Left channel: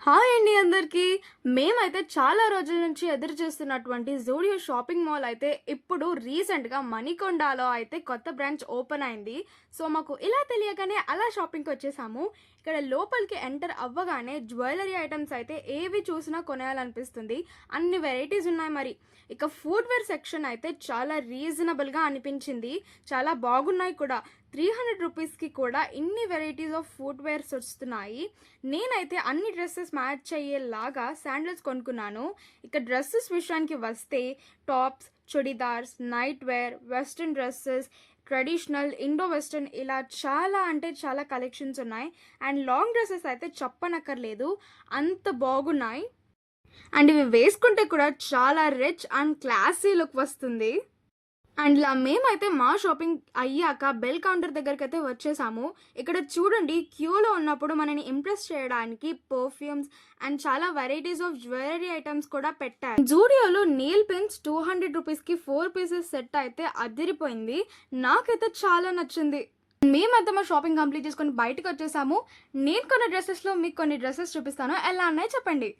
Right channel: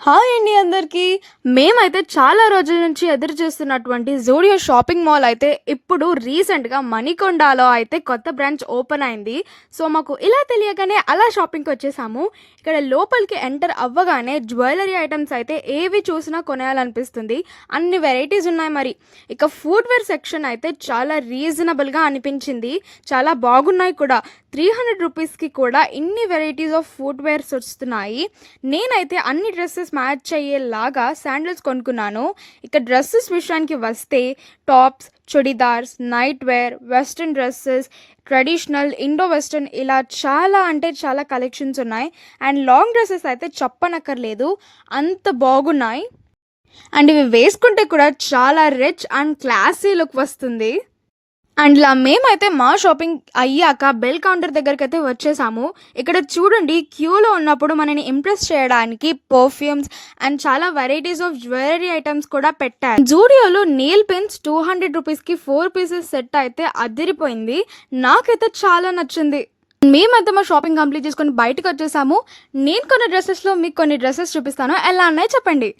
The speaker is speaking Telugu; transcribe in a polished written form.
హాయ్ అండి అందరికీ. మేమైతే చాలా రోజుల నుంచి ఎదురు చూస్తున్నటువంటి జూడియో షాపింగ్ మాల్ అయితే ఇప్పుడు రీసెంట్‌గా మణికొండలో అయితే కొత్త బ్రాంచ్ ఓపెన్ అయింది. సో, మాకు ఇలా తెలియగానే అలా షాపింగ్‌కొచ్చేసాము. ఇక్కడ లోపలికి ఎంటర్ అవ్వగానే జ్యువెలరీ ఐటెమ్స్ అయితే ఏవి చూసినా కొనేయాలనిపిస్తుంది. అన్ని వెరైటీస్ ఉన్నాయి మరి. ఇక ఫుట్‌వేర్ సెక్షన్ అయితే చాలా రీజనబుల్‌గా అనిపించింది. చాలా బాగున్నాయి కూడా. 300 రూపీస్‌కి కూడా ఇన్ని వెరైటీస్ ఆఫ్ ఫుట్‌వేర్స్ వస్తున్నాయి. నేనైతే అన్ని డ్రెస్సెస్ మ్యాచ్ అయ్యేలాగా శాండిల్స్ కొనుక్కున్నాను. ఇక డ్రెస్సెస్ విషయానికి వస్తే tops, churidars, night wear, western dresses, traditional, Indo western ఇలా చాలా అంటే చాలా కలెక్షన్స్ ఉన్నాయి. అండ్ లాంగ్ డ్రెస్సెస్ అయితే చెప్పనక్కర్లేదు, అంత బాగున్నాయి. అండ్ ఇవి వేసుకుంటే కూడా చాలా రిచ్ అండ్ క్లాసీ లుక్ వస్తుంది. అండ్ ఇలా మేమైతే మా షాపింగ్ అయ్యాక బెల్ కౌంటర్ దగ్గరకైతే వచ్చేసాము. ఇక్కడ చూడండి, క్యూలో ఉన్నప్పుడు మనని ఇంప్రెస్ చేయడానికి పర్ఫ్యూమ్స్ అండ్ చాలా వెరైటీస్ ఆఫ్ జ్యువెలరీ ఐటమ్స్ కూడా పెట్టారు. జూడియోలో నెయిల్ పెన్స్ 200 రూపీస్కి 4 పీసెస్ సెట్ అయితే అదిరిపోయింది. నాకైతే చాలా నచ్చింది. మేమైతే మా షాపింగ్ కంప్లీట్ చేసుకొని బయటకు వచ్చేసాము. నేను కొన్ని డ్రెస్సెస్లో మీకు కొన్ని డ్రెస్సెస్ చూపిస్తాను, ఎలా ఉన్నాయో చెప్పండి.